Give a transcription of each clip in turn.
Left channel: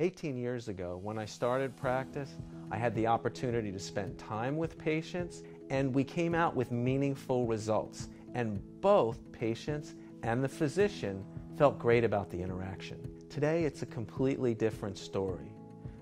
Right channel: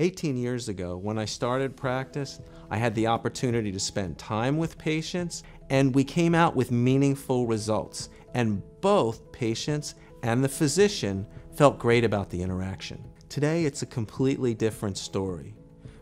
18 years ago, when I started practice, I had the opportunity to spend time with patients, and we came out with meaningful results. And both patients and the physician felt great about the interaction. Today, it's a completely different story.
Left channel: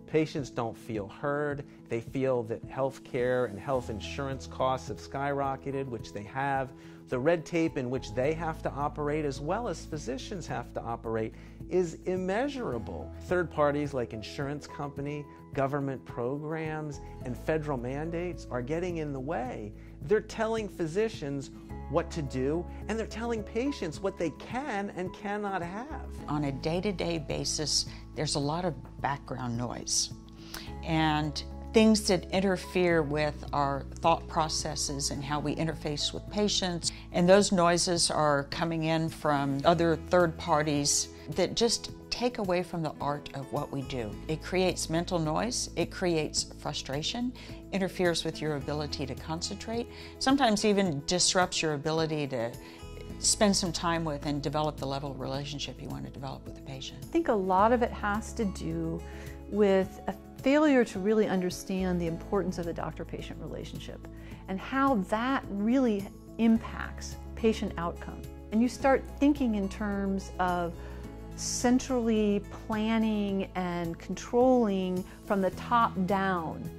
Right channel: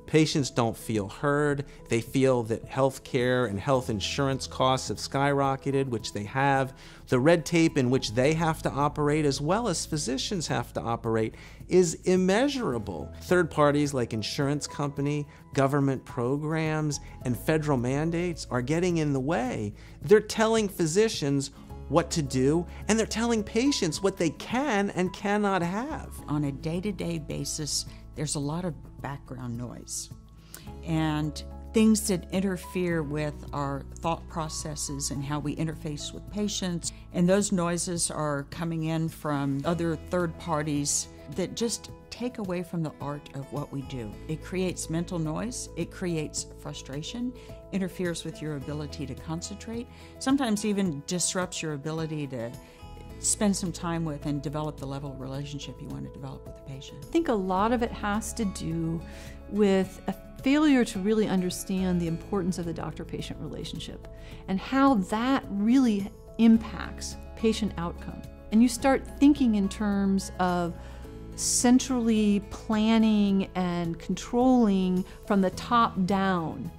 Patients don't feel heard. They feel that health care and health insurance costs have skyrocketed, which they have. The red tape in which they have to operate, as well as physicians have to operate, is immeasurable. Third parties like insurance company, government programs, and federal mandates are getting in the way. They're telling physicians what to do, and they're telling patients what they can and cannot have. On a day-to-day basis, there's a lot of background noise and things that interfere with our thought processes and how we interface with patients. And those noises are coming in from other third parties that just take away from the art of what we do. It creates mental noise, it creates frustration, interferes with your ability to concentrate, sometimes even disrupts your ability to spend some time with and develop the level of relationship you want to develop with the patient. I think a lot of it has to do with a failure to really understand the importance of the doctor-patient relationship and how that really impacts patient outcome. And you start thinking in terms of centrally planning and controlling from the top down.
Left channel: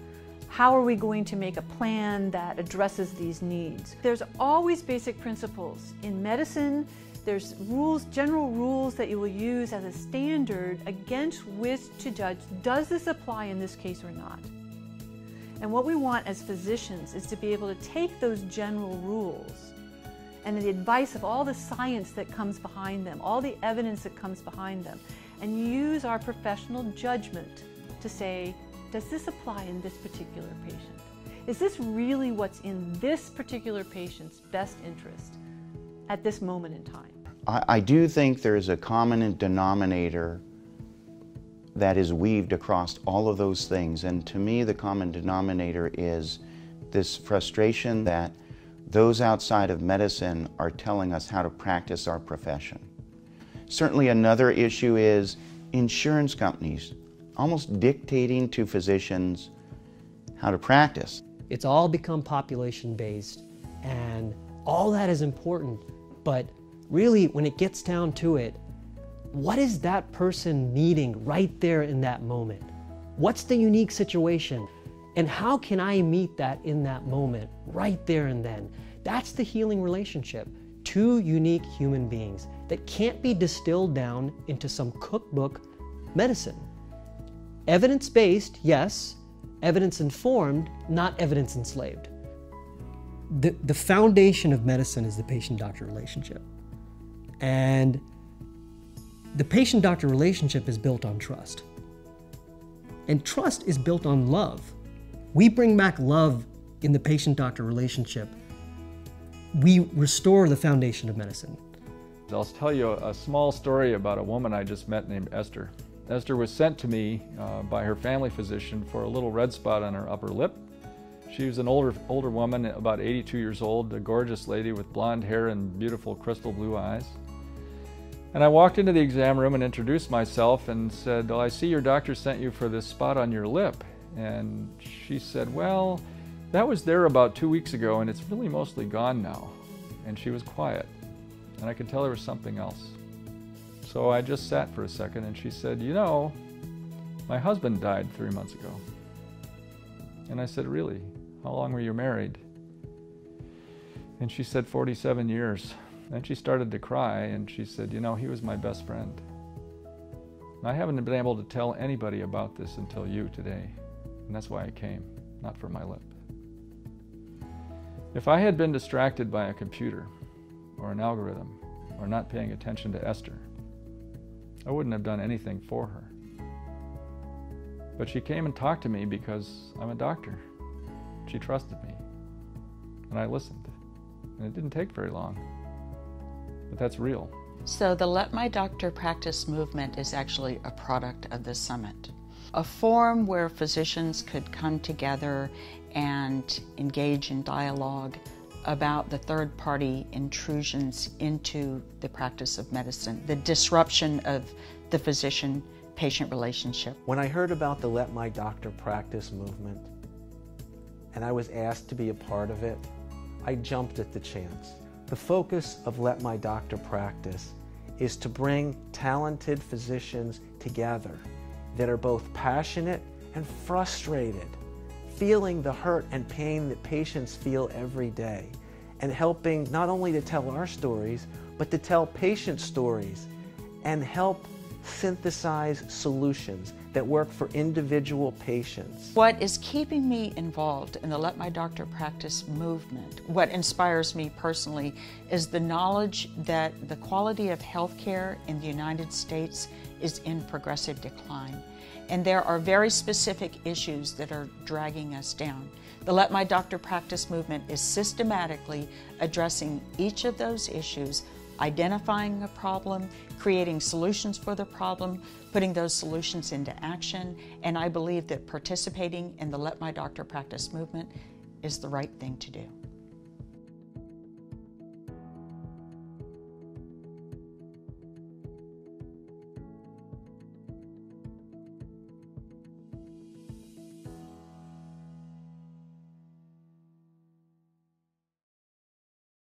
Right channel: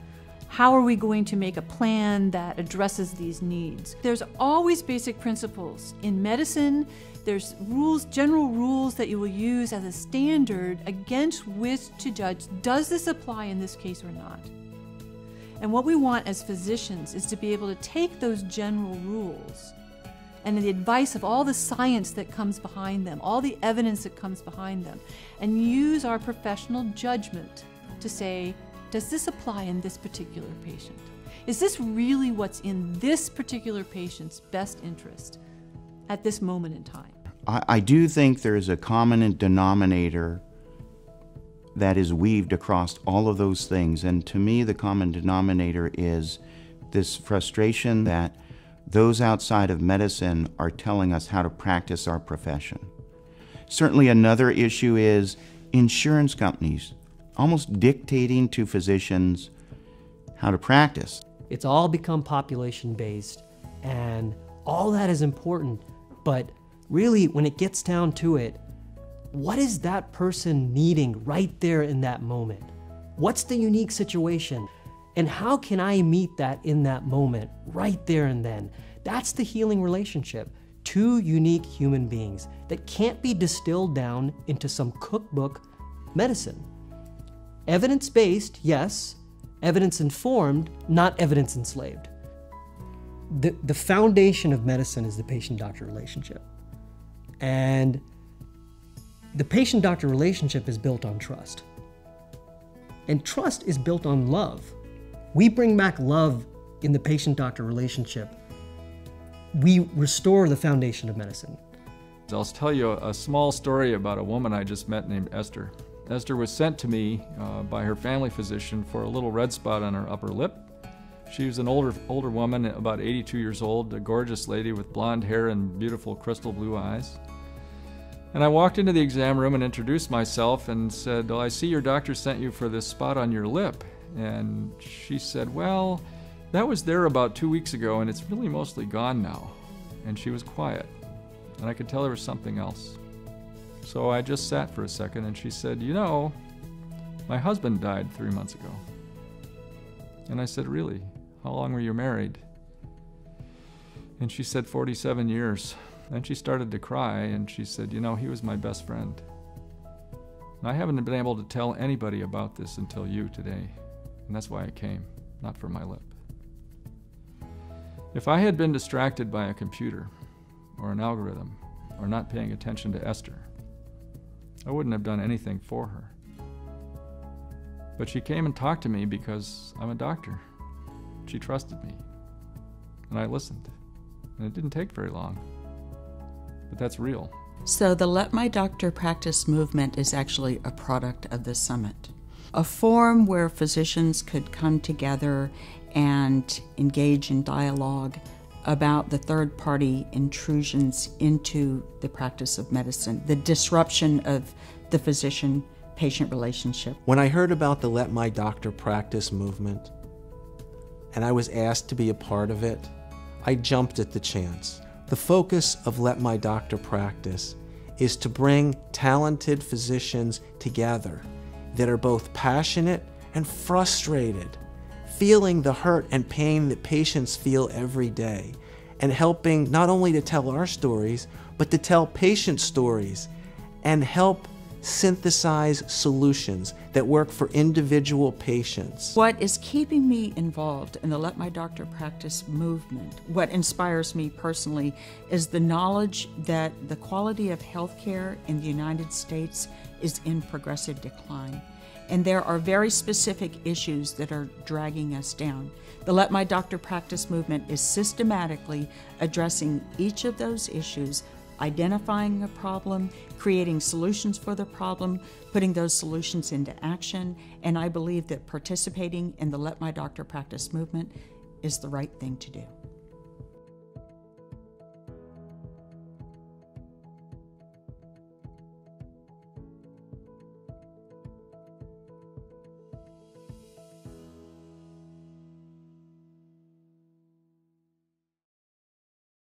How are we going to make a plan that addresses these needs? There's always basic principles. In medicine, there's rules, general rules that you will use as a standard against which to judge, does this apply in this case or not? And what we want as physicians is to be able to take those general rules and the advice of all the science that comes behind them, all the evidence that comes behind them, and use our professional judgment to say, does this apply in this particular patient? Is this really what's in this particular patient's best interest at this moment in time? I do think there is a common denominator that is weaved across all of those things. And to me, the common denominator is this frustration that those outside of medicine are telling us how to practice our profession. Certainly another issue is insurance companies almost dictating to physicians how to practice. It's all become population-based, and all that is important, but really when it gets down to it, what is that person needing right there in that moment? What's the unique situation? And how can I meet that in that moment, right there and then? That's the healing relationship. Two unique human beings that can't be distilled down into some cookbook medicine. Evidence-based, yes. Evidence-informed, not evidence-enslaved. The foundation of medicine is the patient-doctor relationship. And the patient-doctor relationship is built on trust. And trust is built on love. We bring back love in the patient-doctor relationship. We restore the foundation of medicine. I'll tell you a small story about a woman I just met named Esther. Esther was sent to me by her family physician for a little red spot on her upper lip. She was an older woman, about 82 years old, a gorgeous lady with blonde hair and beautiful crystal blue eyes. And I walked into the exam room and introduced myself and said, "Well, I see your doctor sent you for this spot on your lip." And she said, "Well, that was there about 2 weeks ago and it's really mostly gone now." And she was quiet, and I could tell there was something else. So I just sat for a second, and she said, "You know, my husband died 3 months ago." And I said, "Really? How long were you married?" And she said, 47 years. Then she started to cry, and she said, "You know, he was my best friend. And I haven't been able to tell anybody about this until you today. And that's why I came, not for my lip." If I had been distracted by a computer or an algorithm or not paying attention to Esther, I wouldn't have done anything for her. But she came and talked to me because I'm a doctor. She trusted me, and I listened. And it didn't take very long, but that's real. So the Let My Doctor Practice movement is actually a product of this summit. A forum where physicians could come together and engage in dialogue about the third-party intrusions into the practice of medicine, the disruption of the physician patient relationship. When I heard about the Let My Doctor Practice movement, and I was asked to be a part of it, I jumped at the chance. The focus of Let My Doctor Practice is to bring talented physicians together that are both passionate and frustrated, feeling the hurt and pain that patients feel every day, and helping not only to tell our stories, but to tell patient stories and help synthesize solutions that work for individual patients. What is keeping me involved in the Let My Doctor Practice movement, what inspires me personally, is the knowledge that the quality of healthcare in the United States is in progressive decline. And there are very specific issues that are dragging us down. The Let My Doctor Practice movement is systematically addressing each of those issues, identifying a problem, creating solutions for the problem, putting those solutions into action, and I believe that participating in the Let My Doctor Practice movement is the right thing to do.